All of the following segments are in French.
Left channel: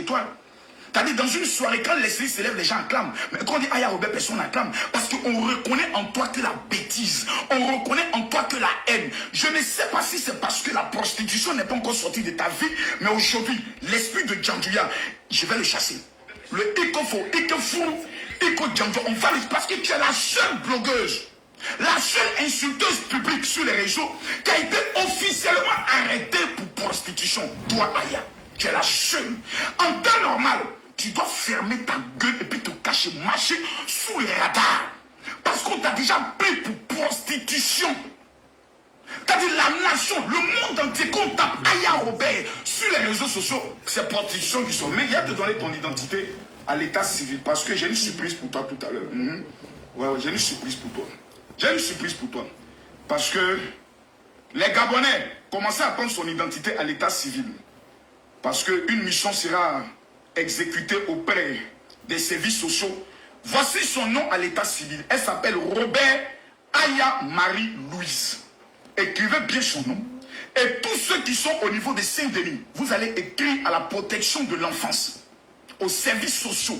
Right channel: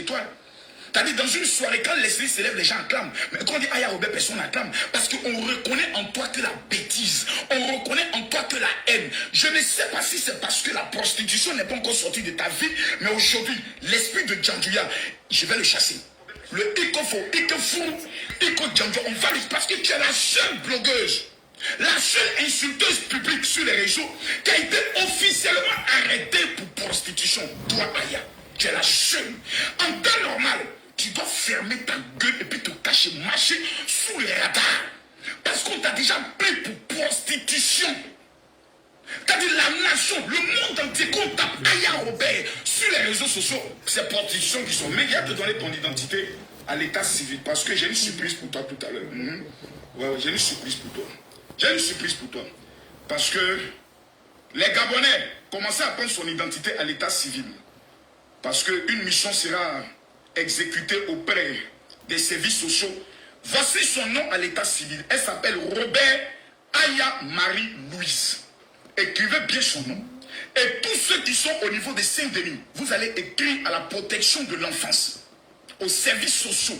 étoiles. C'est-à-dire, dans une soirée, quand l'esprit s'élève, les gens acclament. Mais quand on dit Aya Robert, personne n'acclame. Parce qu'on reconnaît en toi que la bêtise. On reconnaît en toi que la haine. Je ne sais pas si c'est parce que la prostitution n'est pas encore sortie de ta vie. Mais aujourd'hui, l'esprit de Djandouya, je vais le chasser. Le Ikofo, Ikofou, Iko Djandouya, on va lui... Parce que tu es la seule blogueuse, la seule insulteuse publique sur les réseaux qui a été officiellement arrêtée pour prostitution. Toi, Aya, tu es la seule. En temps normal, tu dois fermer ta gueule et puis te cacher, marcher sous les radars. Parce qu'on t'a déjà pris pour prostitution. C'est-à-dire la nation, le monde entier, qu'on tape Aya Robert sur les réseaux sociaux, c'est prostitution qui sont. Mais il y a de donner ton identité à l'état civil. Parce que j'ai une surprise pour toi tout à l'heure. Ouais, j'ai une surprise pour toi. J'ai une surprise pour toi. Parce que les Gabonais commencent à prendre son identité à l'état civil. Parce qu'une mission sera exécutée auprès des services sociaux. Voici son nom à l'état civil. Elle s'appelle Robert Aya Marie-Louise. Écrivez bien son nom. Et tous ceux qui sont au niveau de Saint-Denis, vous allez écrire à la protection de l'enfance, aux services sociaux,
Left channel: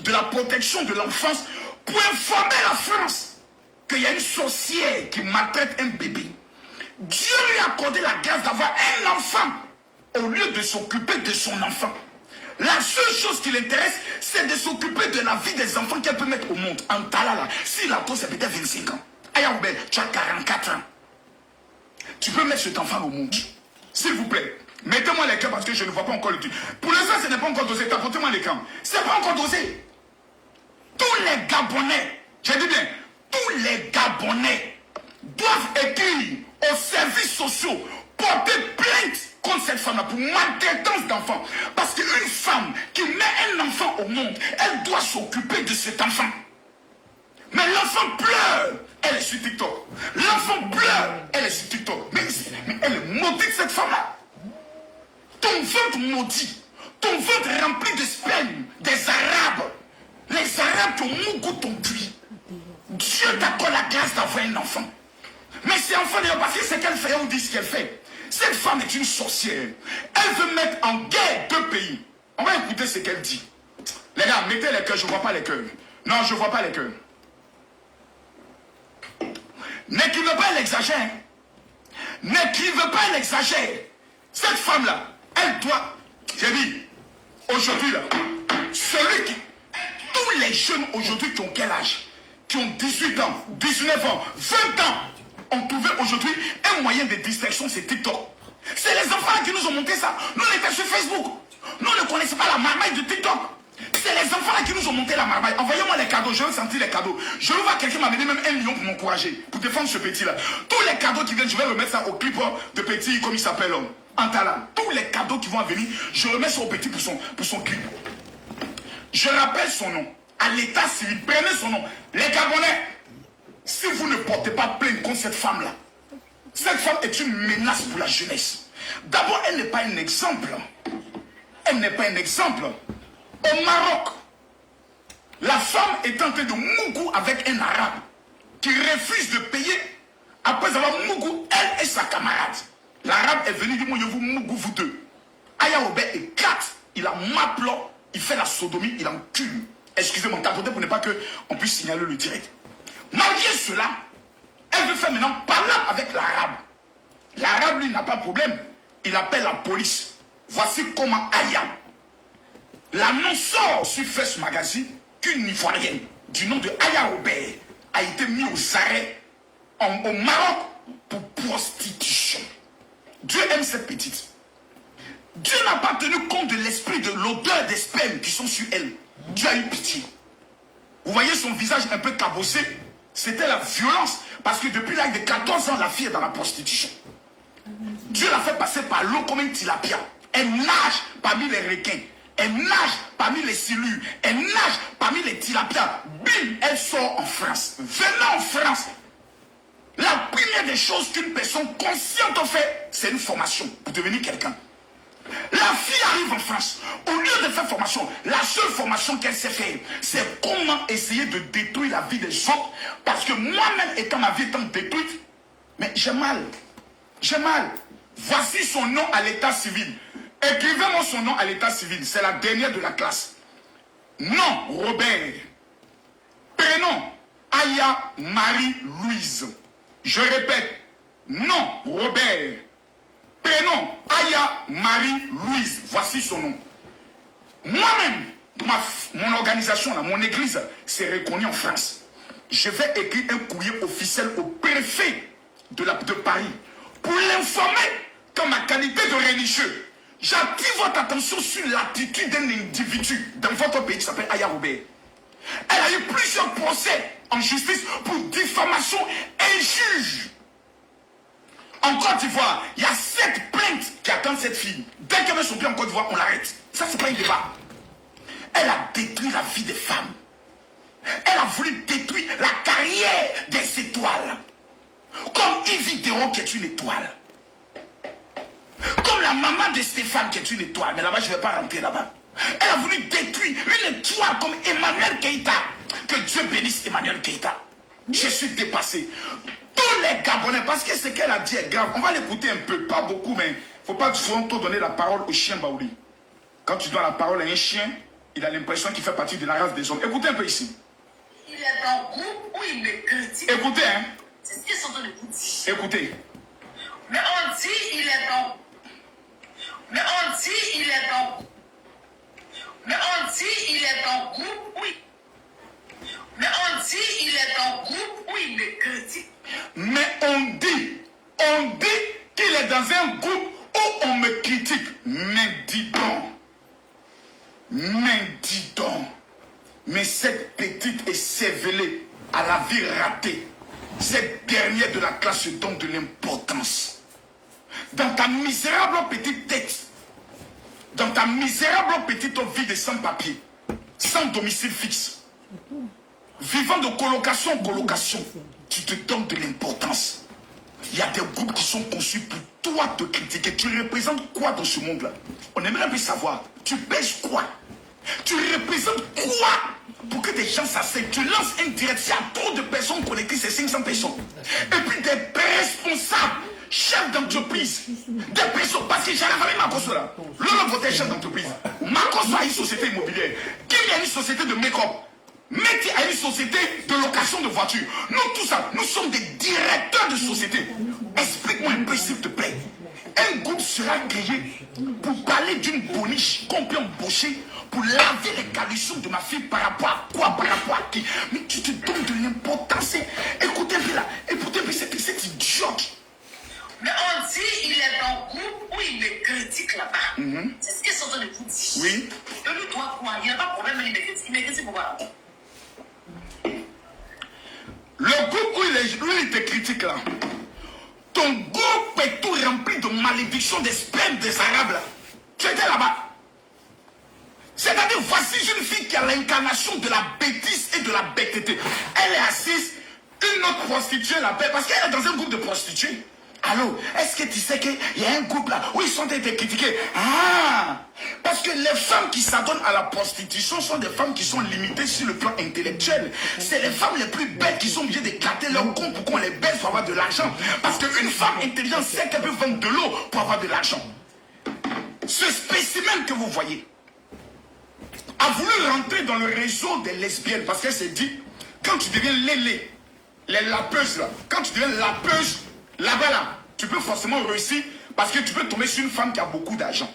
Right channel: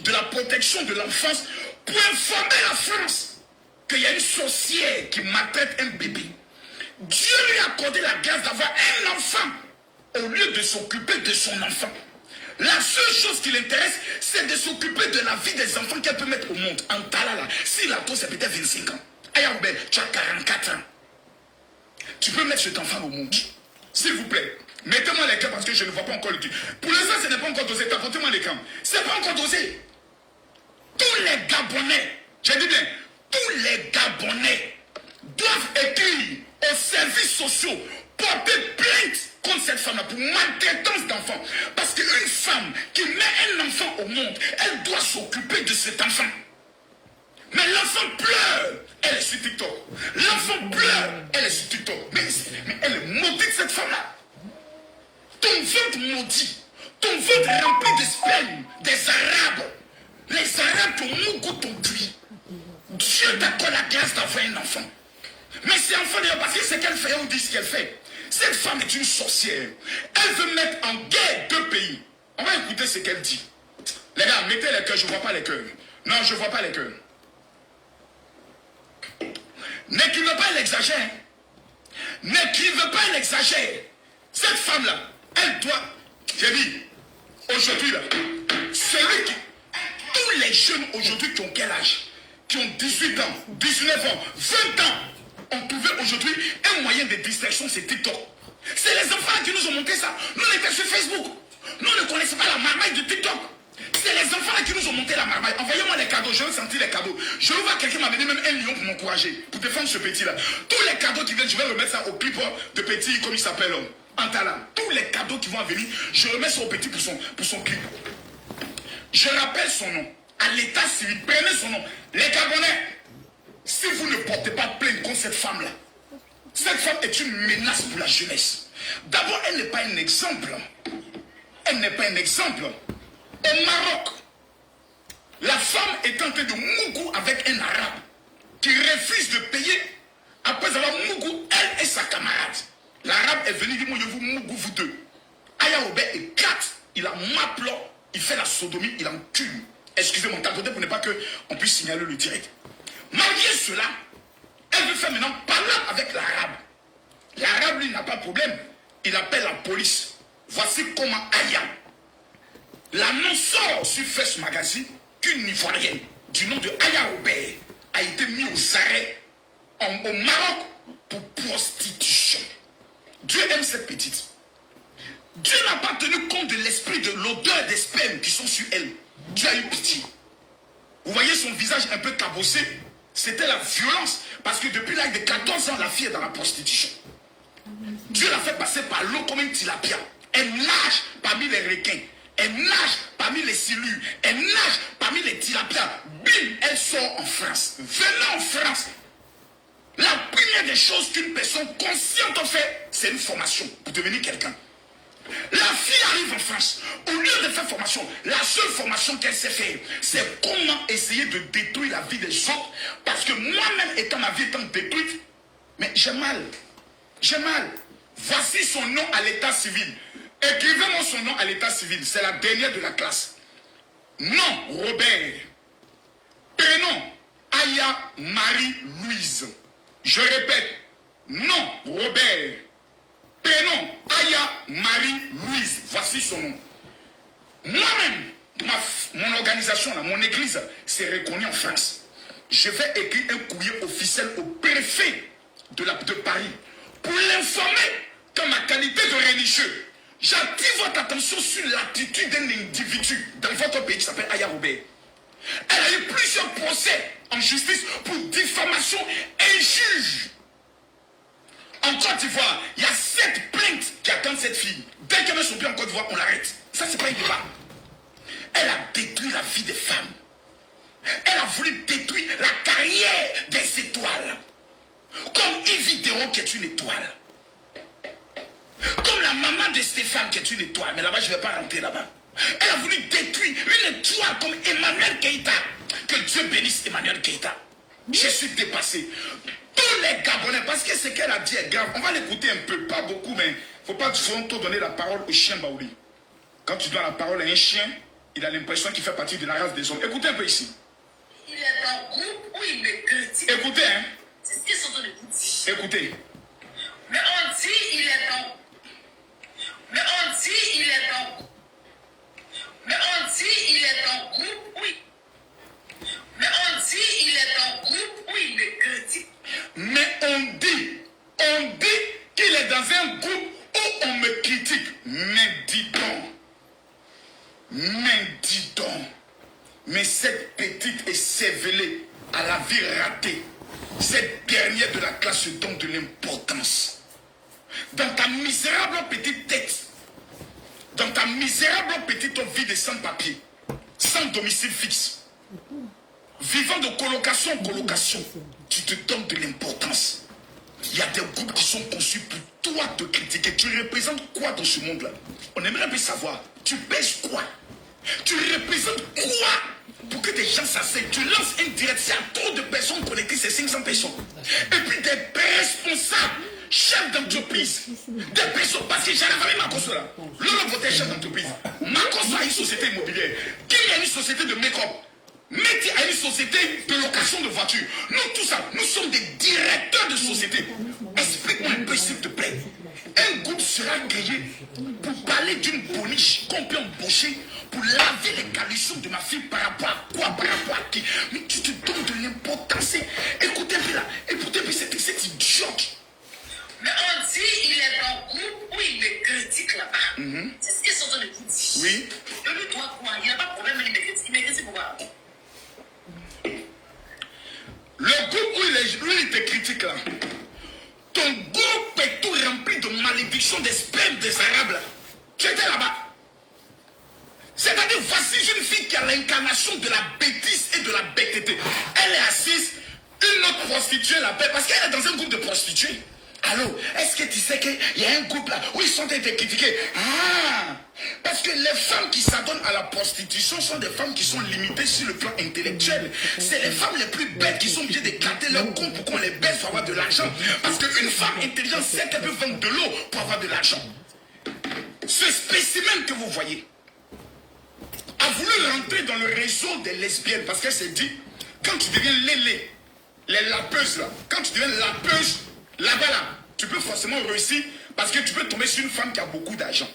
de la protection de l'enfance, pour informer la France qu'il y a une sorcière qui maltraite un bébé. Dieu lui a accordé la grâce d'avoir un enfant au lieu de s'occuper de son enfant. La seule chose qui l'intéresse, c'est de s'occuper de la vie des enfants qu'elle peut mettre au monde. En Talala, si la taux c'est peut-être 25 ans. Ayaoubé, tu as 44 ans. Tu peux mettre cet enfant au monde. S'il vous plaît, mettez-moi les camps parce que je ne vois pas encore le truc. Pour l'instant, ce n'est pas encore dosé. Tapotez-moi les camps. Ce n'est pas encore dosé. Tous les Gabonais, je dis bien, tous les Gabonais doivent écrire aux services sociaux, porter plainte contre cette femme-là pour maltraitance d'enfants. Parce qu'une femme qui met un enfant au monde, elle doit s'occuper de cet enfant. Mais l'enfant pleure, elle est sur TikTok. L'enfant pleure, elle est sur TikTok. Mais elle est maudite, cette femme-là. Ton ventre maudit, ton ventre rempli de sperme des Arabes. Les Arabes t'ont mougou ton cuit. Dieu t'accorde la grâce d'avoir un enfant. Mais c'est enfant d'ailleurs parce que c'est qu'elle fait, on dit ce qu'elle fait. Cette femme est une sorcière. Elle veut mettre en guerre deux pays. On va écouter ce qu'elle dit. Les gars, mettez les cœurs, je ne vois pas les cœurs. Non, je ne vois pas les cœurs. N'écrivez pas, elle exagère. N'écrivez pas, elle exagère. Cette femme-là, elle doit, j'ai dit, aujourd'hui là, celui qui, tous les jeunes aujourd'hui qui ont quel âge? Qui ont 18 ans, 19 ans, 20 ans, ont trouvé aujourd'hui un moyen de distraction, c'est TikTok. C'est les enfants qui nous ont montré ça. Nous, on était sur Facebook. Nous, on ne connaissait pas la marmaille de TikTok. C'est les enfants qui nous ont monté la marmaille. Envoyez-moi les cadeaux, je veux sentir les cadeaux. Je veux voir quelqu'un m'amener même 1 million pour m'encourager, pour défendre ce petit-là. Tous les cadeaux qui viennent, je vais remettre ça au clip de petit, comme il s'appelle, Antala. Tous les cadeaux qui vont venir, je remets ça au petit pour son clip. Je rappelle son nom. À l'état civil, prenez son nom. Les Gabonais, si vous ne portez pas plainte contre cette femme-là, cette femme est une menace pour la jeunesse. D'abord, elle n'est pas un exemple. Elle n'est pas un exemple. Au Maroc, la femme est en train de mougou avec un arabe qui refuse de payer après avoir mougou elle et sa camarade. L'arabe est venu dire, moi je vous mougou vous deux. Ayaoube éclate, il a maplo, il fait la sodomie, il en tue. Excusez-moi, tapoter pour ne pas qu'on puisse signaler le direct. Malgré cela, elle veut faire maintenant parler avec l'arabe. L'arabe, lui, n'a pas de problème. Il appelle la police. Voici comment Aya, l'annonceur sur First Magazine, qu'une Ivoirienne du nom de Aya Robert a été mise aux arrêts au Maroc pour prostitution. Dieu aime cette petite. Dieu n'a pas tenu compte de l'esprit, de l'odeur des spermes qui sont sur elle. Dieu a eu pitié. Vous voyez son visage un peu cabossé. C'était la violence. Parce que depuis l'âge de 14 ans, la fille est dans la prostitution. Dieu l'a fait passer par l'eau comme une tilapia. Elle nage parmi les requins. Elle nage parmi les silures. Elle nage parmi les tilapias. Bim, elle sort en France. Venant en France, la première des choses qu'une personne consciente fait, c'est une formation pour devenir quelqu'un. La fille arrive en France. Au lieu de faire formation, la seule formation qu'elle sait faire, c'est comment essayer de détruire la vie des autres. Parce que moi-même, étant ma vie étant détruite, mais j'ai mal. J'ai mal. Voici son nom à l'état civil. Écrivez-moi son nom à l'état civil. C'est la dernière de la classe. Nom, Robert. Prénom, Aya Marie-Louise. Je répète. Nom, Robert. Prénom, Aya Marie-Louise. Voici son nom. Moi-même, mon organisation, là, mon église, c'est reconnu en France. Je vais écrire un courrier officiel au préfet de Paris pour l'informer qu'en ma qualité de religieux, j'attire votre attention sur l'attitude d'un individu dans votre pays qui s'appelle Aya Robert. Elle a eu plusieurs procès en justice pour diffamation injuge. En Côte d'Ivoire, il y a 7 plaintes qui attendent cette fille. Dès qu'elle met son pied en Côte d'Ivoire, on l'arrête. Ça, c'est pas un débat. Elle a détruit la vie des femmes. Elle a voulu détruire la carrière des étoiles. Comme Yves Dérault qui est une étoile. Comme la maman de Stéphane qui est une étoile. Mais là-bas, je ne vais pas rentrer là-bas. Elle a voulu détruire une étoile comme Emmanuel Keïta. Que Dieu bénisse Emmanuel Keïta. Je suis dépassé. Tous les Gabonais, parce que ce qu'elle a dit est grave. On va l'écouter un peu, pas beaucoup, mais il ne faut pas trop donner la parole au chien Baouli. Quand tu donnes la parole à un chien, il a l'impression qu'il fait partie de la race des hommes. Écoutez un peu ici. Il est dans le groupe où il me critique. Écoutez, hein. C'est ce qu'ils sont en train de vous dire. Écoutez. Mais on dit il est dans. Mais on dit il est dans. Mais on dit il est dans le groupe où il. Mais on dit il est dans le groupe où il me critique. Mais on dit qu'il est dans un groupe où on me critique. Mais dis donc. Mais cette petite est cervelée à la vie ratée. Cette dernière de la classe se donne de l'importance. Dans ta misérable petite tête, dans ta misérable petite vie de sans-papier, sans domicile fixe, vivant de colocation en colocation, tu te donnes de l'importance. Il y a des groupes qui sont conçus pour toi te critiquer. Tu représentes quoi dans ce monde-là? On aimerait bien savoir. Tu pèses quoi? Tu représentes quoi pour que des gens s'asseyent? Tu lances un direct. Il y a trop de personnes connectées, c'est 500 personnes. Et puis des responsables, chefs d'entreprise, des personnes. Parce que j'ai la famille Makoso là. L'homme votait chef d'entreprise. Makoso a une société immobilière. Kim a une société de make-up. Mettez à une société de location de voitures. Nous, tout ça, nous sommes des directeurs de société. Explique-moi un peu, s'il te plaît. Un groupe sera créé pour parler d'une boniche qu'on peut embaucher pour laver les caleçons de ma fille par rapport à quoi, par rapport à qui. Mais tu te donnes de l'importance. Écoutez un peu là, écoutez un peu cette idiote. Mais on dit il est dans le groupe où il me critique là-bas. C'est ce qu'ils sont en train de vous dire. Oui. Et lui, toi, quoi? Il n'y a pas de problème, il me critique pourquoi? Le groupe où il te critique là, ton groupe est tout rempli de malédictions des spermes des Arabes là. Tu étais là-bas. C'est-à-dire, voici une fille qui a l'incarnation de la bêtise et de la bêteté. Elle est assise, une autre prostituée l'appelle parce qu'elle est dans un groupe de prostituées. Allô, est-ce que tu sais qu'il y a un groupe là où ils sont été critiqués? Ah, parce que les femmes qui s'abonnent à la prostitution sont des femmes qui sont limitées sur le plan intellectuel. C'est les femmes les plus bêtes qui sont obligées d'éclater leur compte pour qu'on les baisse pour avoir de l'argent. Parce qu'une femme intelligente sait qu'elle peut vendre de l'eau pour avoir de l'argent. Ce spécimen que vous voyez a voulu rentrer dans le réseau des lesbiennes parce qu'elle s'est dit, quand tu deviens les lapeuses là, quand tu deviens lapeuse, là-bas là, tu peux forcément réussir parce que tu peux tomber sur une femme qui a beaucoup d'argent.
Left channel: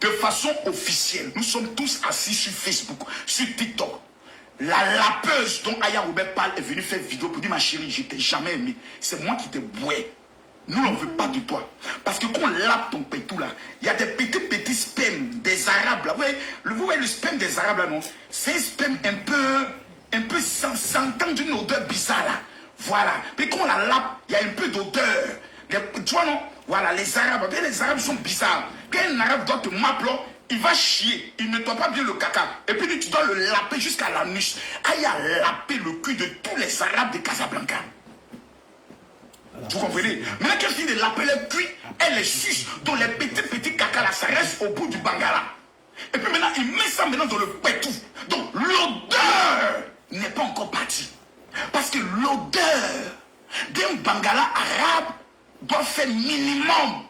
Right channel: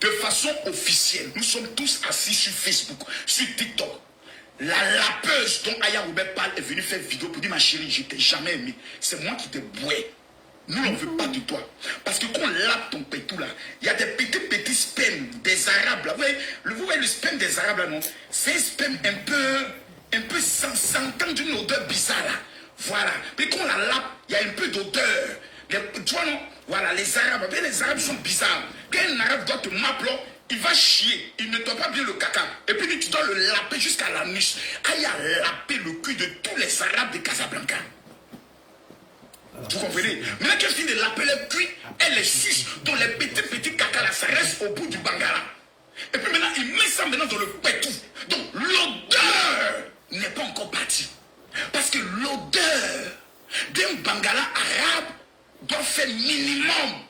De façon officielle, nous sommes tous assis sur Facebook, sur TikTok. La lapeuse dont Aya Robert parle est venue faire vidéo pour dire ma chérie, je t'ai jamais aimé. C'est moi qui t'ai boué. Nous, on ne veut pas de toi. Parce que quand on lave ton pétou là, il y a des petits spermes des Arabes là. Vous voyez le sperme des Arabes là, non? C'est un sperme un peu sentant d'une odeur bizarre là. Voilà. Puis quand on la lave, il y a un peu d'odeur. Tu vois non? Voilà, les Arabes sont bizarres. Quand un Arabe doit te mapler, il va chier. Il ne nettoie pas bien le caca. Et puis tu dois le laper jusqu'à l'anus. Aïe a lapé le cul de tous les Arabes de Casablanca. Vous comprenez? Maintenant qu'elle finit de laper le cul, elle les suce. Donc les petits caca là, ça reste au bout du bangala. Et puis maintenant, il met ça maintenant dans le pétou. Donc l'odeur n'est pas encore partie. Parce que l'odeur d'un bangala arabe doit faire minimum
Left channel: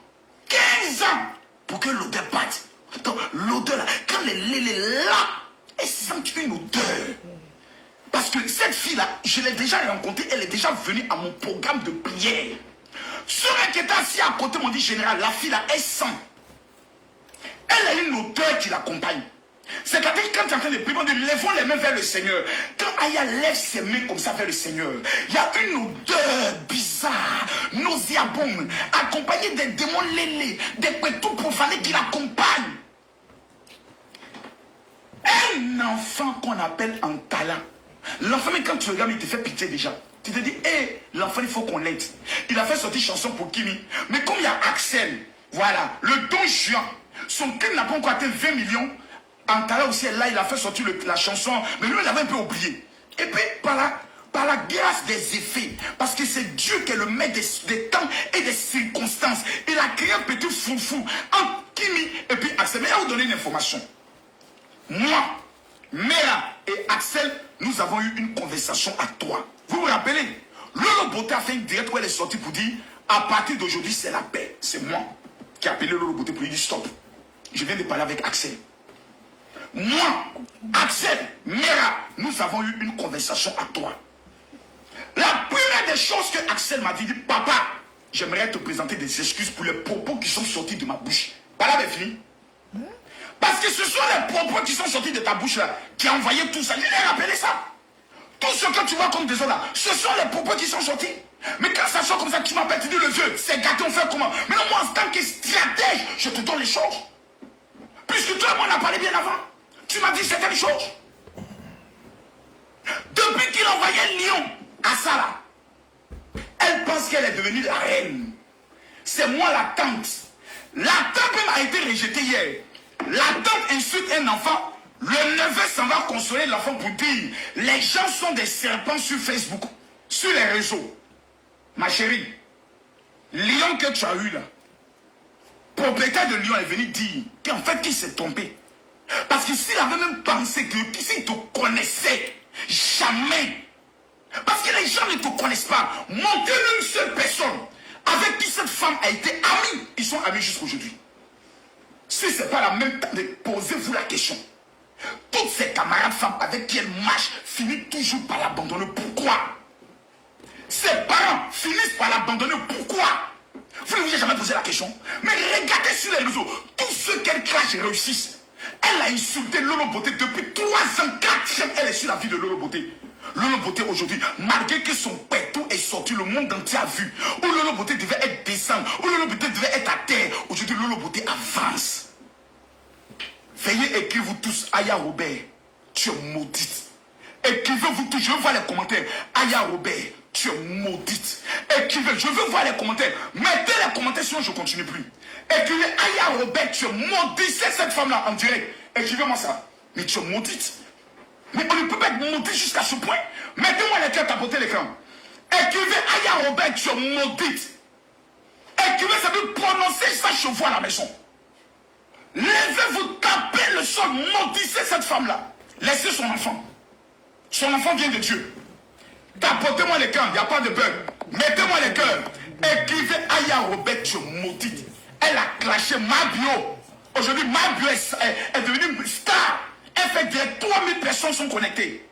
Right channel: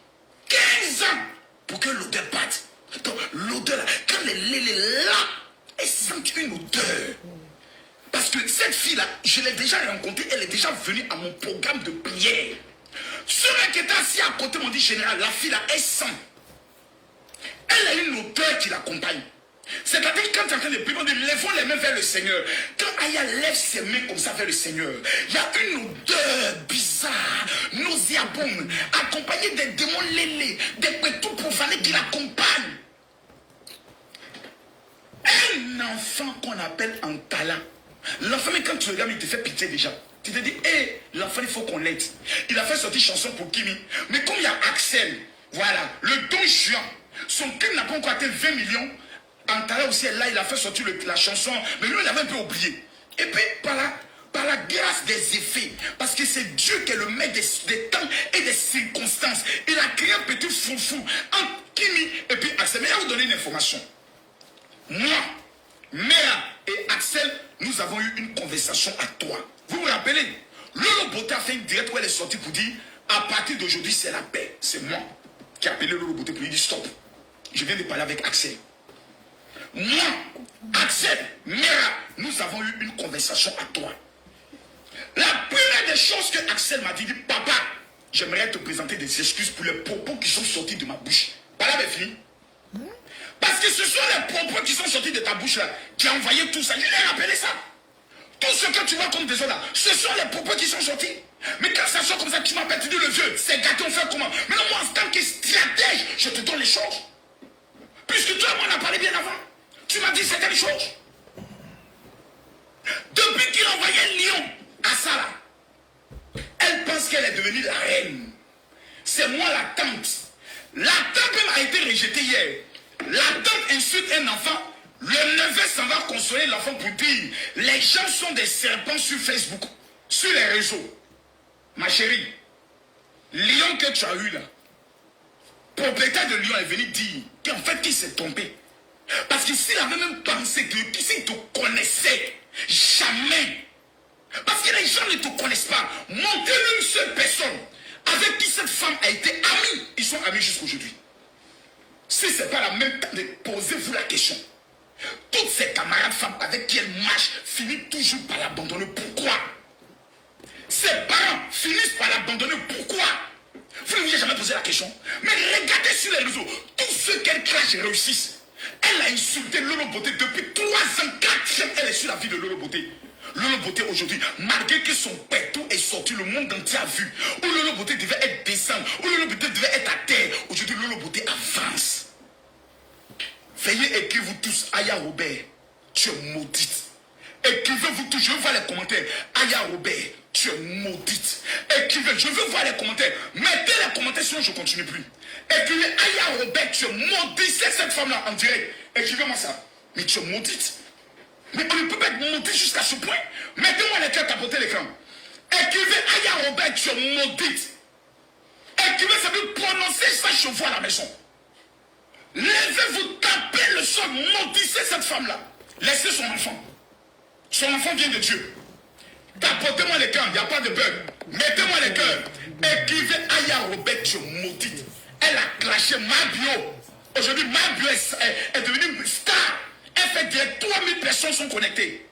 15 ans pour que l'odeur parte. Donc, l'odeur là, quand elle est là, elle sent une odeur. Parce que cette fille-là, je l'ai déjà rencontrée, elle est déjà venue à mon programme de prière. Ceux qui étaient assis à côté m'ont dit, général, la fille-là, elle sent. Elle a une odeur qui l'accompagne. C'est-à-dire quand tu es en train de prier, on dit, lèvons les mains vers le Seigneur. Quand Aya lève ses mains comme ça vers le Seigneur, il y a une odeur bizarre, nauséabonde, accompagnée des démons lélés, des pétous profanés qui l'accompagnent. Un enfant qu'on appelle Antala. L'enfant, mais quand tu regardes, il te fait pitié déjà. Tu te dis, hé, l'enfant, il faut qu'on l'aide. Il a fait sortir chanson pour Kimi. Mais comme il y a Axel, voilà, le don juin, son film n'a pas encore atteint 20 millions. Antala aussi est là, il a fait sortir la chanson. Mais lui, il avait un peu oublié. Et puis, par la grâce des effets, parce que c'est Dieu qui est le maître des temps et des circonstances. Il a créé un petit foufou entre Kimi et puis Axel. Mais il va vous donner une information. Moi, Mera et Axel, nous avons eu une conversation à toi. Vous vous rappelez? Lolo Beauté a fait une direct où elle est sortie pour dire, à partir d'aujourd'hui, c'est la paix. C'est moi qui ai appelé Lolo Beauté pour lui dire stop. Je viens de parler avec Axel. Moi, Axel, Mera, nous avons eu une conversation à toi. La première des choses que Axel m'a dit, papa, j'aimerais te présenter des excuses pour les propos qui sont sortis de ma bouche. Voilà, bien fini. Parce que ce sont les propos qui sont sortis de ta bouche là, qui ont envoyé tout ça. Je l'ai rappelé ça. Tout ce que tu vois comme des autres là, ce sont les propos qui sont sortis. Mais quand ça sort comme ça, tu m'appelles, tu dis le vieux, c'est gâté, on fait comment? Mais non, moi, en tant que stratège, je te donne les choses. Puisque toi et moi, on a parlé bien avant. Tu m'as dit certaines choses. Depuis qu'il envoyait Lyon à ça là, elle pense qu'elle est devenue la reine. C'est moi la tante. La tante m'a été rejetée hier. La tante insulte un enfant. Le neveu s'en va consoler l'enfant pour dire, les gens sont des serpents sur Facebook, sur les réseaux. Ma chérie, Lyon que tu as eu là, propriétaire de Lyon est venu dire qu'en fait qu'il s'est trompé. Parce que s'il avait même pensé que s'il te connaissait, jamais. Parce que les gens ne te connaissent pas. Montrez-lui une seule personne avec qui cette femme a été amie. Ils sont amis jusqu'aujourd'hui. Si ce n'est pas la même temps, posez-vous la question. Toutes ces camarades femmes avec qui elle marche finissent toujours par l'abandonner. Pourquoi? Ses parents finissent par l'abandonner. Pourquoi? Vous ne vous avez jamais posé la question. Mais regardez sur les réseaux. Tous ceux qu'elle crache réussissent. Elle a insulté Lolo Beauté depuis 3 ans, 4 ans. Elle est sur la vie de Lolo Beauté. Lolo Beauté aujourd'hui, malgré que son pétou est sorti, le monde entier a vu. Où Lolo Beauté devait être descendre, où Lolo Beauté devait être à terre. Aujourd'hui, Lolo Beauté avance. Veuillez écrire vous tous, Aya Robert, tu es maudite. Écrivez-vous tous, je veux voir les commentaires. Aya Robert, tu es maudite. Écrivez, je veux voir les commentaires. Mettez les commentaires sinon je ne continue plus. Écrivez, Aya Robert, tu es maudite. C'est cette femme-là en direct. Écrivez-moi ça. Mais tu es maudite. Mais on ne peut pas être maudit jusqu'à ce point. Mettez-moi les cœurs, tapotez l'écran. Écrivez, Aya Robert, tu es maudite. Écrivez, ça veut prononcer ça chez vous à la maison. Levez-vous, tapez le sol, maudissez cette femme-là. Laissez son enfant. Son enfant vient de Dieu. Tapotez-moi les cœurs, il n'y a pas de bug. Mettez-moi les cœurs. Écrivez Aya Robert, tu es maudite. Elle a clashé Mabio. Aujourd'hui, Mabio est devenue star. Elle fait direct, 3000 personnes sont connectées.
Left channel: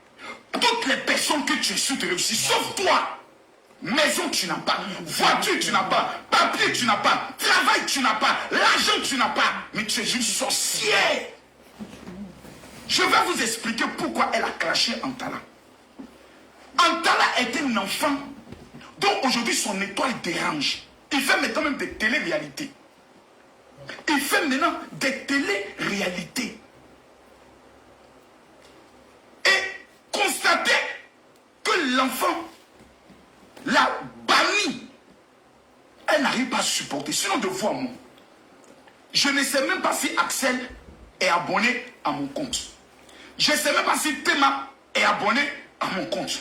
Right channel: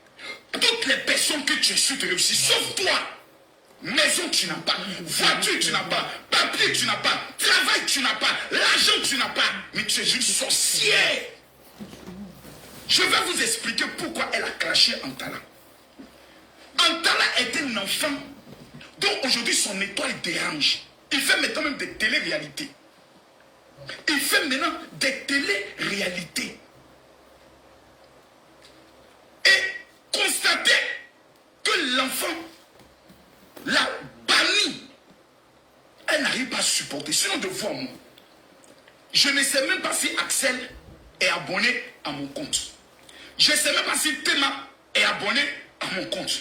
Toutes les personnes que tu insultes réussissent, sauf toi. Maison, tu n'as pas. Voiture, tu n'as pas. Papier, tu n'as pas. Travail, tu n'as pas. L'argent, tu n'as pas. Mais tu es une sorcière. Je vais vous expliquer pourquoi elle a craché Antala. Antala est un enfant dont aujourd'hui son étoile dérange. Il fait maintenant même des télé-réalités. Il fait maintenant des télé-réalités. Et constatez que l'enfant la bannie. Elle n'arrive pas à supporter. Sinon, de vous à moi. Je ne sais même pas si Axel est abonné à mon compte. Je ne sais même pas si Théma est abonné à mon compte.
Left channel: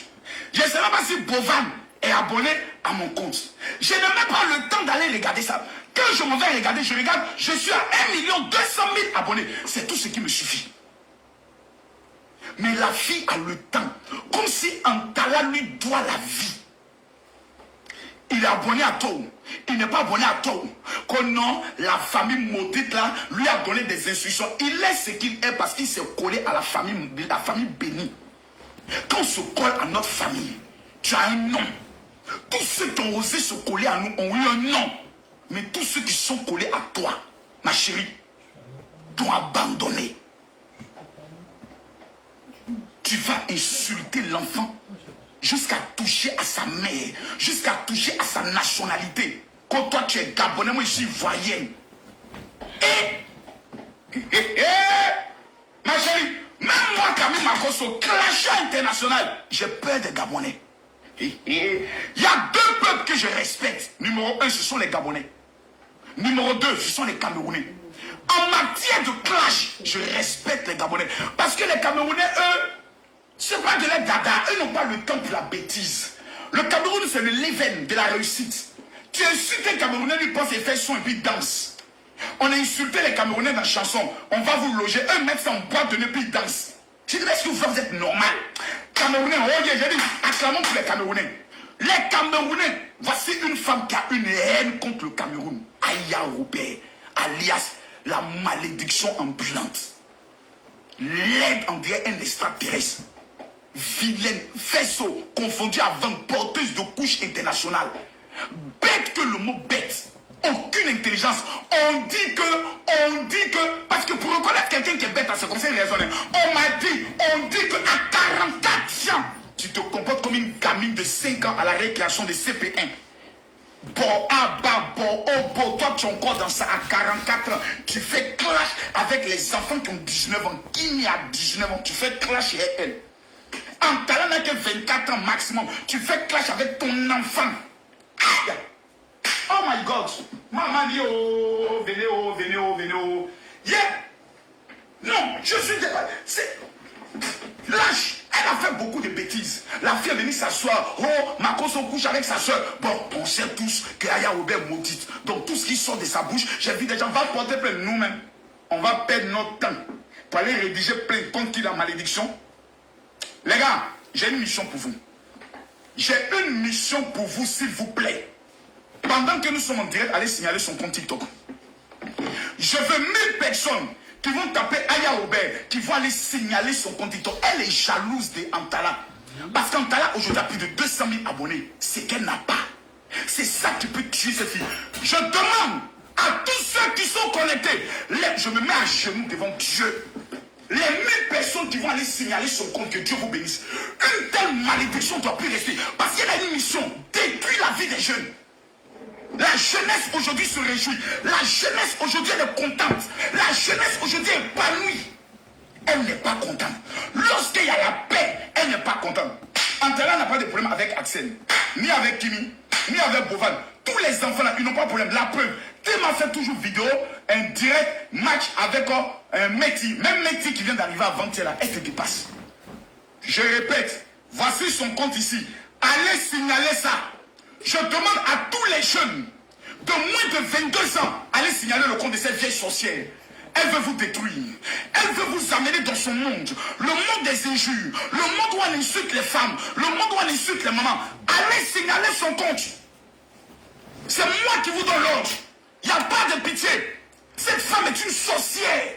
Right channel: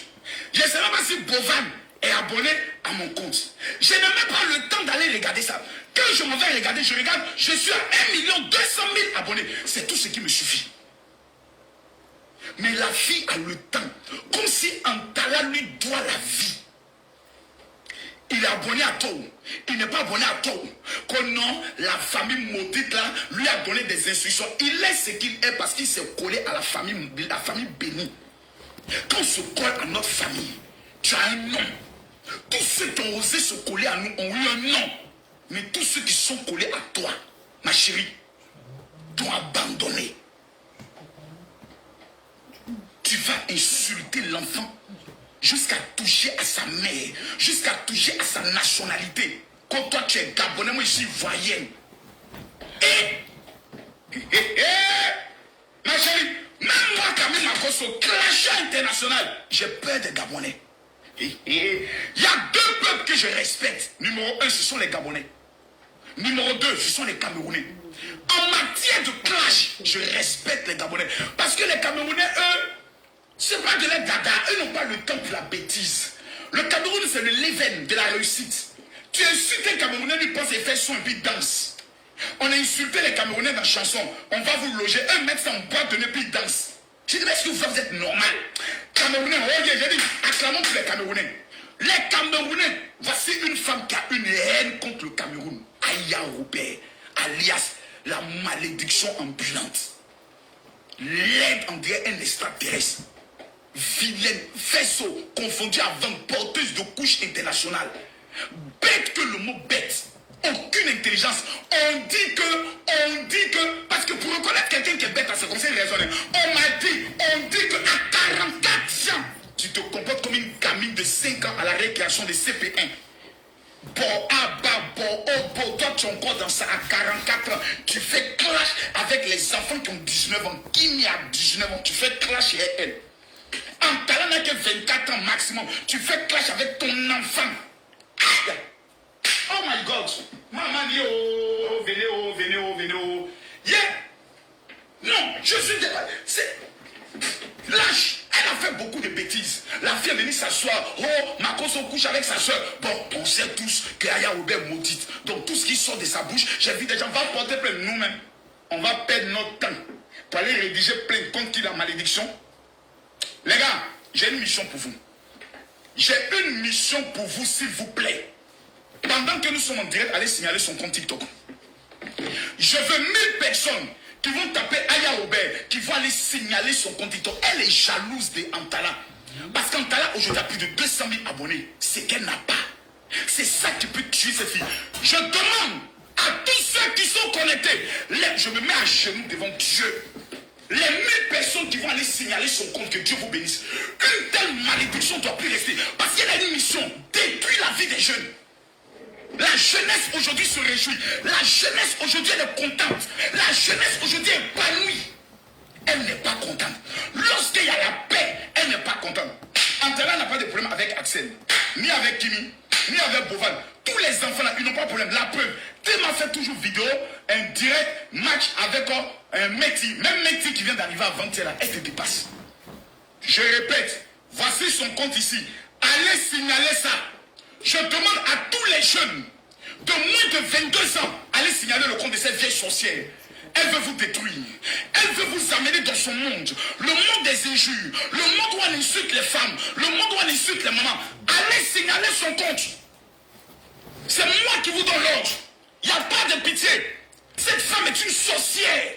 Je ne sais même pas si Bovan est abonné à mon compte. Je n'ai même pas le temps d'aller regarder ça. Quand je m'en vais regarder, je regarde, je suis à 1 200 000 abonnés. C'est tout ce qui me suffit. Mais la fille a le temps. Comme si Antala lui doit la vie. Il est abonné à Togo. Il n'est pas abonné à Togo. Que non, la famille maudite là lui a donné des instructions. Il est ce qu'il est parce qu'il s'est collé à la famille bénie. Quand on se colle à notre famille, tu as un nom. Tous ceux qui ont osé se coller à nous ont eu un nom. Mais tous ceux qui sont collés à toi, ma chérie, t'ont abandonné. Tu vas insulter l'enfant jusqu'à toucher à sa mère, jusqu'à toucher à sa nationalité. Quand toi tu es Gabonais, moi je suis ivoirienne. Ma chérie, même moi Camille Makosso, clash international, j'ai peur des Gabonais. Il y a deux peuples que je respecte. Numéro 1, ce sont les Gabonais. Numéro 2, ce sont les Camerounais. En matière de clash, je respecte les Gabonais. Parce que les Camerounais, eux, c'est pas de la dada. Eux n'ont pas le temps pour la bêtise. Le Cameroun, c'est le leven de la réussite. Tu insultes un Camerounais, lui pense et fait son et puis danse. On a insulté les Camerounais dans la chanson. On va vous loger. Eux mettent ça en boîte de nez puis ils dansent. Je dis, est-ce que vous êtes normal? Camerounais, j'ai dit, acclamons pour les Camerounais. Les Camerounais, voici une femme qui a une haine contre le Cameroun. Aya Robert, alias la malédiction ambulante. L'aide en dirait un extraterrestre. Vilaine, faisceau, confondu à vente, porteuse de couches internationales. Bête que le mot bête. Aucune intelligence. On dit que, parce que pour reconnaître quelqu'un qui est bête à ce conseil raisonner, on dit que à 44 ans, tu te comportes comme une gamine de 5 ans à la récréation de CP1. Bon, toi tu es encore dans ça à 44 ans. Tu fais clash avec les enfants qui ont 19 ans. Qui a 19 ans, tu fais clash avec elle. Antala n'a que 24 ans maximum. Tu fais clash avec ton enfant. Aïe. Oh my God. Maman dit venez. Yeah. Non, je suis dépassé. C'est lâche. Elle a fait beaucoup de bêtises. La fille est venue s'asseoir. Oh, Makosso couche avec sa soeur. Bon, on sait tous que Aya Robert maudite. Donc tout ce qui sort de sa bouche, j'ai vu des gens, on va porter plainte nous-mêmes. On va perdre notre temps pour aller rédiger plainte contre qui la malédiction. Les gars, j'ai une mission pour vous. J'ai une mission pour vous, s'il vous plaît. Pendant que nous sommes en direct, allez signaler son compte TikTok. Je veux 1000 personnes qui vont taper Aya Robert, qui vont aller signaler son compte TikTok. Elle est jalouse de Antala. Parce qu'Antala, aujourd'hui, a plus de 200 000 abonnés. C'est qu'elle n'a pas. C'est ça qui peut tuer cette fille. Je demande à tous ceux qui sont connectés, je me mets à genoux devant Dieu. Les 1000 personnes qui vont aller signaler son compte, que Dieu vous bénisse. Une telle malédiction ne doit plus rester. Parce qu'elle a une mission, détruire la vie des jeunes. La jeunesse aujourd'hui se réjouit. La jeunesse aujourd'hui elle est contente. La jeunesse aujourd'hui est épanouie. Elle n'est pas contente. Lorsqu'il y a la paix, elle n'est pas contente. Antala n'a pas de problème avec Axel, ni avec Kimi, ni avec Bovan. Tous les enfants là, ils n'ont pas de problème. La preuve, Tim a fait toujours vidéo, un direct match avec un Meti. Même Meti qui vient d'arriver avant-hier là, elle se dépasse. Je répète, voici son compte ici. Allez signaler ça. Je demande à tous les jeunes de moins de 22 ans, allez signaler le compte de cette vieille sorcière. Elle veut vous détruire. Elle veut vous amener dans son monde. Le monde des injures. Le monde où elle insulte les femmes. Le monde où elle insulte les mamans. Allez signaler son compte. C'est moi qui vous donne l'ordre. Il n'y a pas de pitié. Cette femme est une sorcière.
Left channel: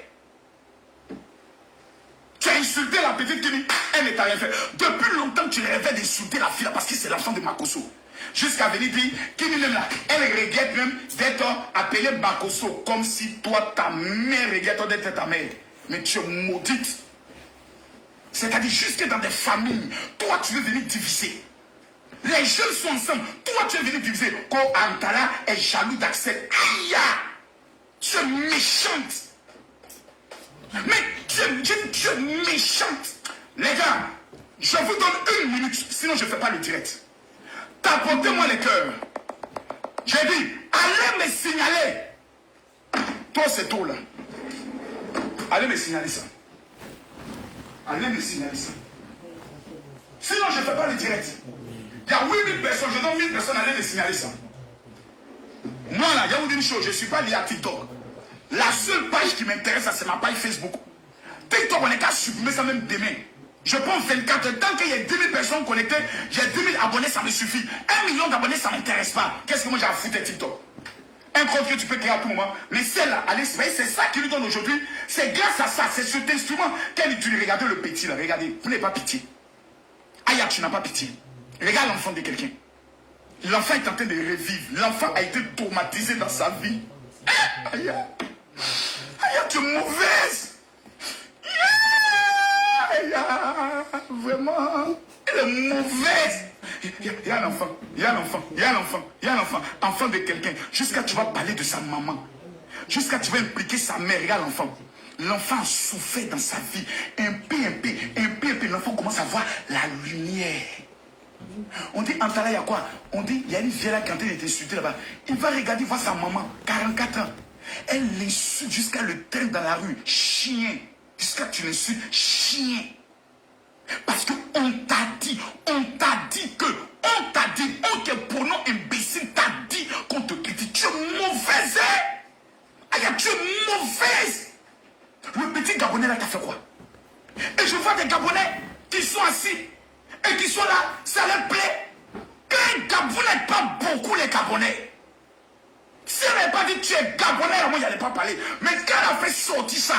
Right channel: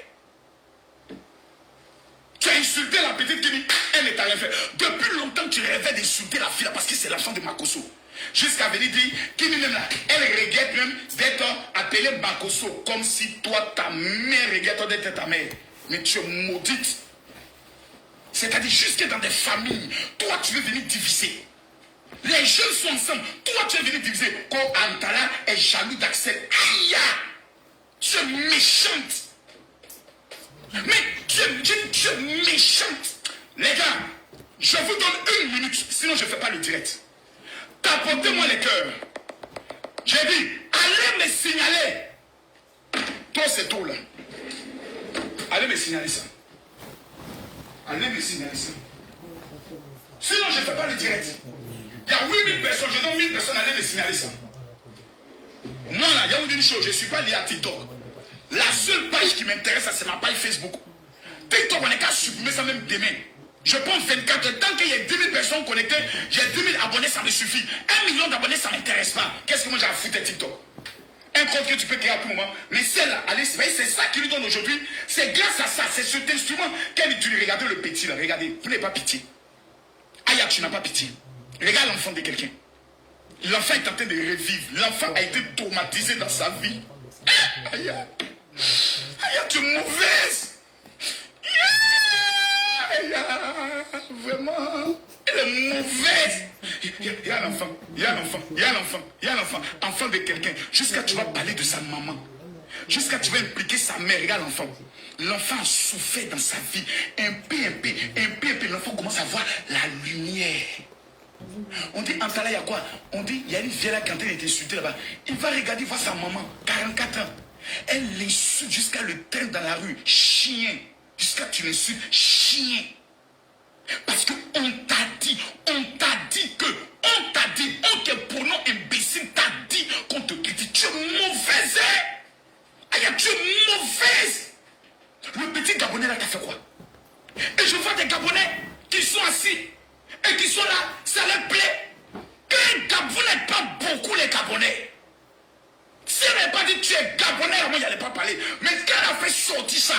Tu as insulté la petite qui dit, elle ne t'a rien fait. Depuis longtemps, tu rêvais d'insulter la fille là parce que c'est l'enfant de Makosso. Jusqu'à venir dire, elle regrette même d'être appelée Makosso, comme si toi, ta mère regrette d'être ta mère. Mais tu es maudite. C'est-à-dire, jusque dans des familles, toi, tu veux venir diviser. Les jeunes sont ensemble, toi, tu veux venir diviser. Quand Antala est jaloux d'Axel, aïe, tu es méchante. Mais tu es méchante. Les gars, je vous donne 1 minute, sinon je ne fais pas le direct. Tapotez-moi les cœurs. J'ai dit, allez me signaler. Toi, c'est tout là. Allez me signaler ça. Allez me signaler ça. Sinon, je ne fais pas le direct. Il y a 8000 personnes, je donne 1000 personnes, allez me signaler ça. Moi là, il y a une chose, je ne suis pas lié à TikTok. La seule page qui m'intéresse, c'est ma page Facebook. TikTok, on n'est qu'à supprimer ça même demain. Je prends 24 heures. Tant qu'il y a 10 000 personnes connectées, j'ai 10 000 abonnés, ça me suffit. 1 million d'abonnés, ça ne m'intéresse pas. Qu'est-ce que moi j'ai à foutre de TikTok? Un compte que tu peux créer à tout moment. Mais celle-là, allez, c'est ça qui lui donne aujourd'hui. C'est grâce à ça, c'est cet instrument qu'elle utilise. Regardez le petit là, regardez. Vous n'avez pas pitié. Aya, tu n'as pas pitié. Regarde l'enfant de quelqu'un. L'enfant est en train de revivre. L'enfant a été traumatisé dans sa vie. Aya, Aya, tu es mauvaise. Aya, vraiment. Elle est mauvaise. Il y a l'enfant, il y a l'enfant, il y a l'enfant, il y a l'enfant, enfant de quelqu'un. Jusqu'à tu vas parler de sa maman. Jusqu'à tu vas impliquer sa mère. Regarde l'enfant. L'enfant a souffert dans sa vie. Un peu, l'enfant commence à voir la lumière. On dit, en Tala, il y a quoi? On dit, il y a une vieille là qui est en train d'être insultée là-bas. Il va regarder voir sa maman, 44 ans. Elle l'insulte jusqu'à le traîne dans la rue. Chien. Jusqu'à tu l'insultes, chien. Parce qu'on t'a dit que, on te pronom imbécile, t'a dit qu'on te critique. Tu es mauvaise, hein? Aïe, tu es mauvaise. Le petit Gabonais là, t'as fait quoi? Et je vois des Gabonais qui sont assis et qui sont là, ça leur plaît. Vous n'êtes pas beaucoup les Gabonais. Si elle n'avait pas dit tu es Gabonais, là, moi, je n'allais pas parler. Mais quand elle a fait sortir ça,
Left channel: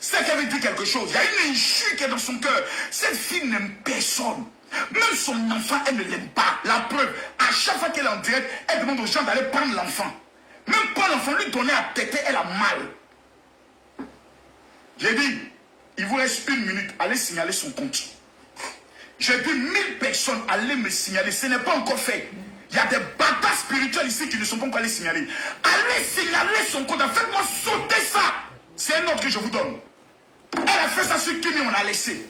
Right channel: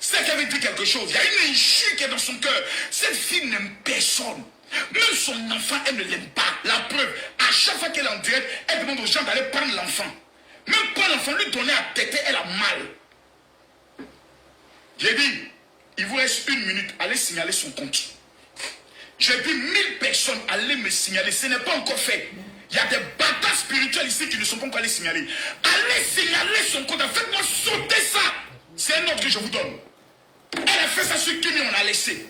c'est qu'elle avait dit quelque chose. Il y a une injure qui est dans son cœur. Cette fille n'aime personne. Même son enfant, elle ne l'aime pas. La preuve, à chaque fois qu'elle est en direct, elle demande aux gens d'aller prendre l'enfant. Même pas l'enfant, lui donner à têter, elle a mal. J'ai dit, il vous reste 1 minute, allez signaler son compte. J'ai dit 1000 personnes, allez me signaler. Ce n'est pas encore fait. Il y a des bâtards spirituels ici qui ne sont pas encore allés signaler. Allez signaler son compte. Faites-moi sauter ça. C'est un ordre que je vous donne. Elle a fait ça sur Kimi, on a laissé.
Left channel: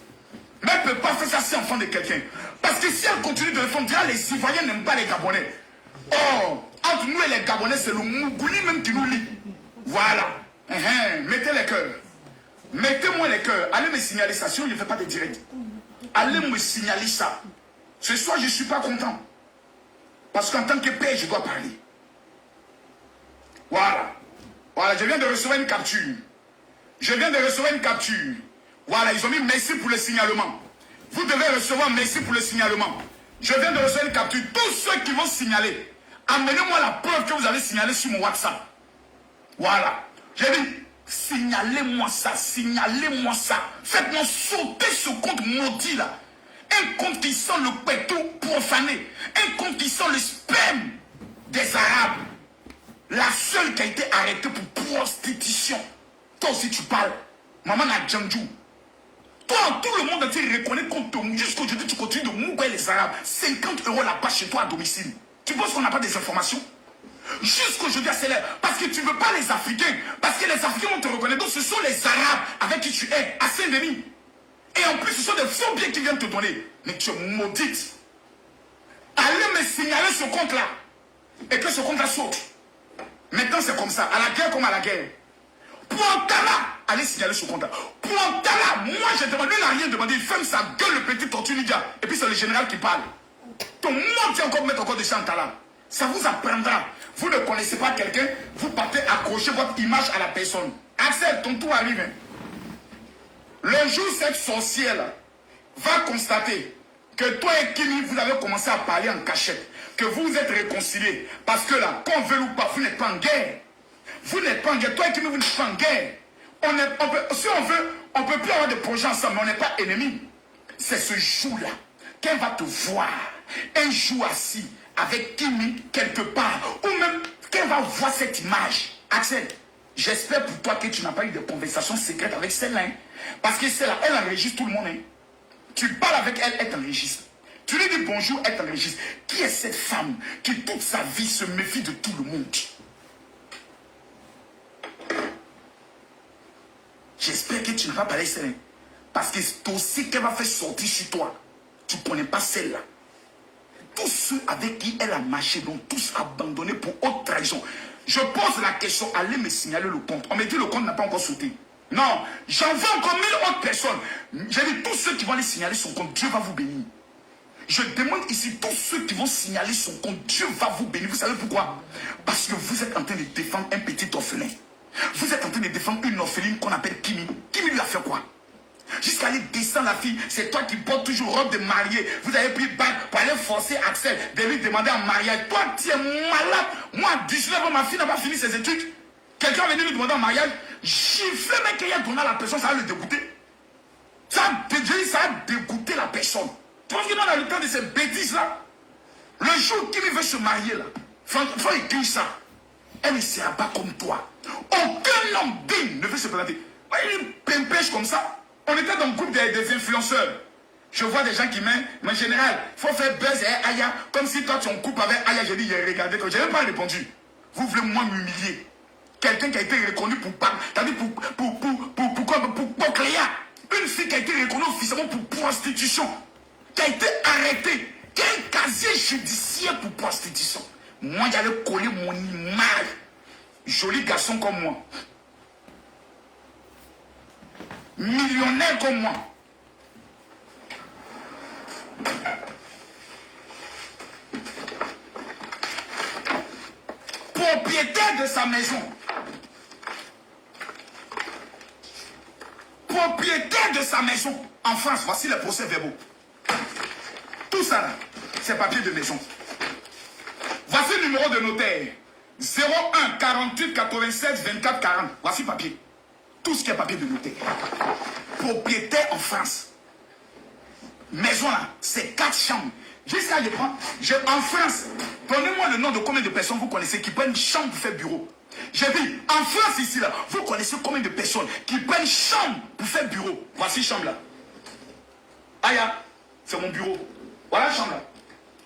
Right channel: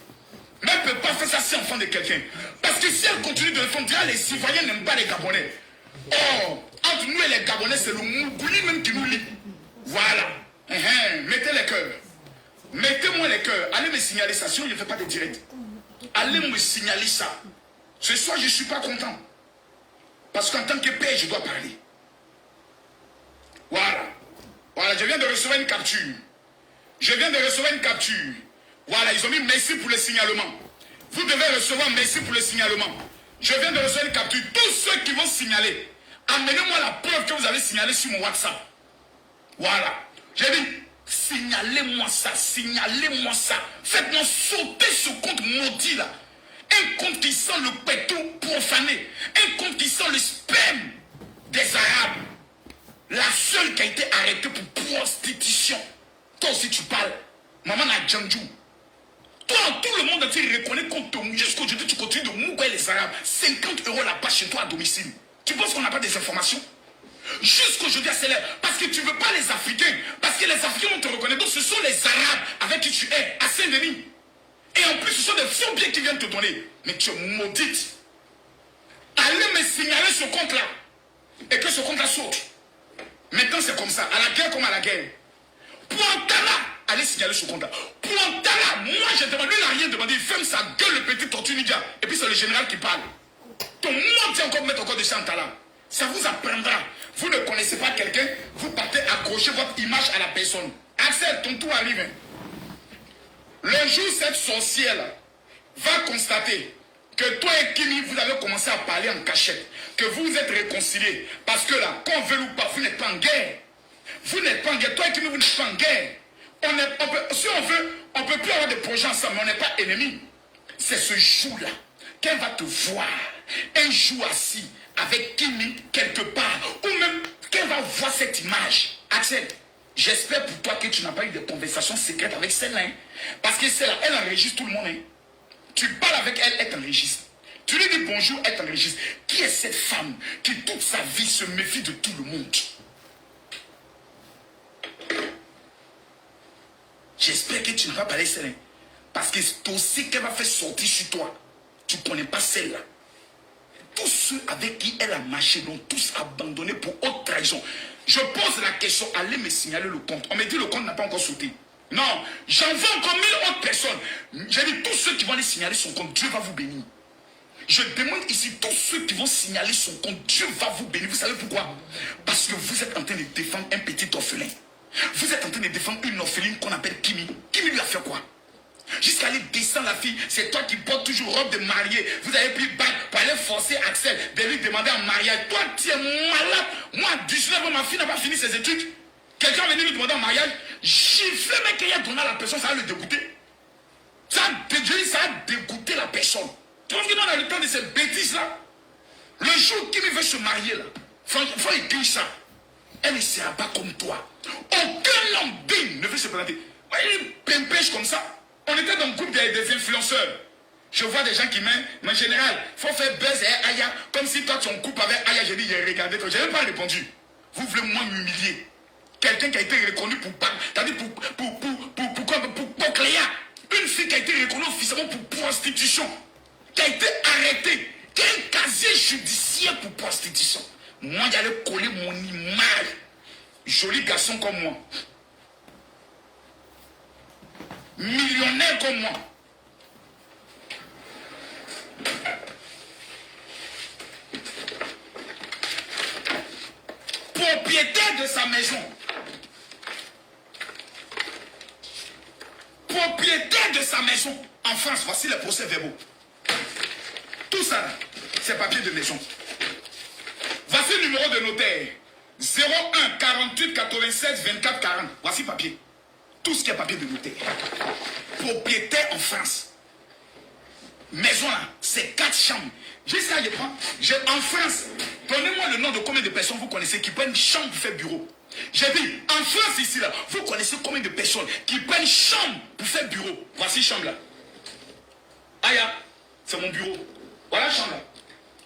Mais elle ne peut pas faire ça si enfant de quelqu'un. Parce que si elle continue de le faire, les Ivoiriens n'aiment pas les Gabonais. Oh, entre nous et les Gabonais, c'est le Mougouli même qui nous lie. Voilà. Mettez les cœurs. Mettez-moi les cœurs. Allez me signaler ça. Sinon, je ne fais pas de direct. Allez me signaler ça. Ce soir, je ne suis pas content. Parce qu'en tant que père, je dois parler. Voilà. Voilà, je viens de recevoir une capture. Je viens de recevoir une capture. Voilà, ils ont mis merci pour le signalement. Vous devez recevoir merci pour le signalement. Je viens de recevoir une capture. Tous ceux qui vont signaler, amenez-moi la preuve que vous avez signalé sur mon WhatsApp. Voilà. J'ai dit, signalez-moi ça, signalez-moi ça. Faites-moi sauter ce compte maudit là. Un compte qui sent le pétou profané. Un compte qui sent le sperme des Arabes. La seule qui a été arrêtée pour prostitution. Toi aussi tu parles. Maman n'a Djandjou. Toi, tout le monde entier reconnaît qu'on te jusqu'aujourd'hui tu continues de mouiller les Arabes. 50 € la page chez toi à domicile. Tu penses qu'on n'a pas des informations? Jusqu'aujourd'hui, c'est là. Parce que tu ne veux pas les Africains. Parce que les Africains vont te reconnaître. Donc ce sont les Arabes avec qui tu es à Saint-Denis. Et en plus, ce sont des faux biens qui viennent te donner. Mais tu es maudite. Allez me signaler ce compte-là. Et que ce compte-là saute. Maintenant, c'est comme ça. À la guerre comme à la guerre. Pointala, allez signaler ce compte-là. Pointala, moi j'ai demandé, lui n'a rien demandé. Il ferme sa gueule, le petit tortue ninja. Et puis c'est le général qui parle. Ton monde tient encore mettre encore de Chantala. Ça vous apprendra. Vous ne connaissez pas quelqu'un, vous partez accrocher votre image à la personne. Axel, ton tour arrive. Le jour cette sorcière va constater que toi et Kimi, vous avez commencé à parler en cachette, que vous vous êtes réconciliés. Parce que là, qu'on veut ou pas, vous n'êtes pas en guerre. Vous n'êtes pas en guerre. Toi et Kimi, vous n'êtes pas en guerre. Si on veut, on ne peut plus avoir de projets ensemble, mais on n'est pas ennemis. C'est ce jour-là qu'elle va te voir, un jour assis avec Kimi quelque part, ou même qu'elle va voir cette image. Axel, j'espère pour toi que tu n'as pas eu de conversation secrète avec celle-là. Hein? Parce que celle-là, elle enregistre tout le monde. Hein? Tu parles avec elle, elle t'enregistre. Tu lui dis bonjour, elle t'enregistre. Qui est cette femme qui toute sa vie se méfie de tout le monde? J'espère que tu ne vas pas parler celle-là. Parce que c'est aussi qu'elle va faire sortir sur toi. Tu ne connais pas celle-là. Tous ceux avec qui elle a marché, donc tous abandonnés pour haute trahison. Je pose la question, allez me signaler le compte. On me dit le compte n'a pas encore sauté. Non, j'en veux encore 1000 autres personnes. J'ai dit tous ceux qui vont aller signaler son compte, Dieu va vous bénir. Je demande ici tous ceux qui vont signaler son compte, Dieu va vous bénir. Vous savez pourquoi? Parce que vous êtes en train de défendre un petit orphelin. Vous êtes en train de défendre une orpheline qu'on appelle Kimi. Kimi lui a fait quoi? Jusqu'à allez descendre la fille. C'est toi qui portes toujours robe de mariée. Vous avez pris bac pour aller forcer Axel de lui demander en mariage. Toi, tu es malade. Moi, à 19 ans, ma fille n'a pas fini ses études. Quelqu'un est venu lui demander en mariage. Gifler, mec, qu'il a donné à la personne, ça va le dégoûter. Ça a dégoûté la personne. Tu vois qu'on a le temps de ces bêtises-là. Le jour qu'il veut se marier, là, il faut écrire ça. Elle ne sera pas comme toi. Aucun homme digne ne veut se présenter. Il pimpèche comme ça. On était dans le groupe des influenceurs. Je vois des gens qui m'aiment, mais en général, il faut faire buzz et Aya, comme si toi tu es en couple avec Aya. J'ai dit, j'ai regardé, je n'ai même pas répondu. Vous voulez moi m'humilier. Quelqu'un qui a été reconnu pour Cléa. Une fille qui a été reconnue officiellement pour prostitution. Qui a été arrêtée. Qui a un casier judiciaire pour prostitution. Moi, j'allais coller mon image. Joli garçon comme moi. Millionnaire comme moi. Propriétaire de sa maison. Propriétaire de sa maison. En France, voici les procès-verbaux. Tout ça, c'est papier de maison. Voici le numéro de notaire. 01 48 96 24 40. Voici papier. Tout ce qui est papier de notaire. Propriétaire en France. Maison là, c'est 4 chambres. Juste là, je prends. En France, donnez-moi le nom de combien de personnes vous connaissez qui prennent chambre pour faire bureau. J'ai dit, en France ici là, vous connaissez combien de personnes qui prennent chambre pour faire bureau. Voici chambre là. Aya, c'est mon bureau. Voilà chambre là.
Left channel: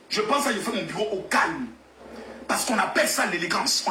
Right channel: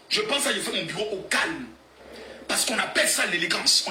Je pense à je fais mon bureau au calme. Parce qu'on appelle ça l'élégance.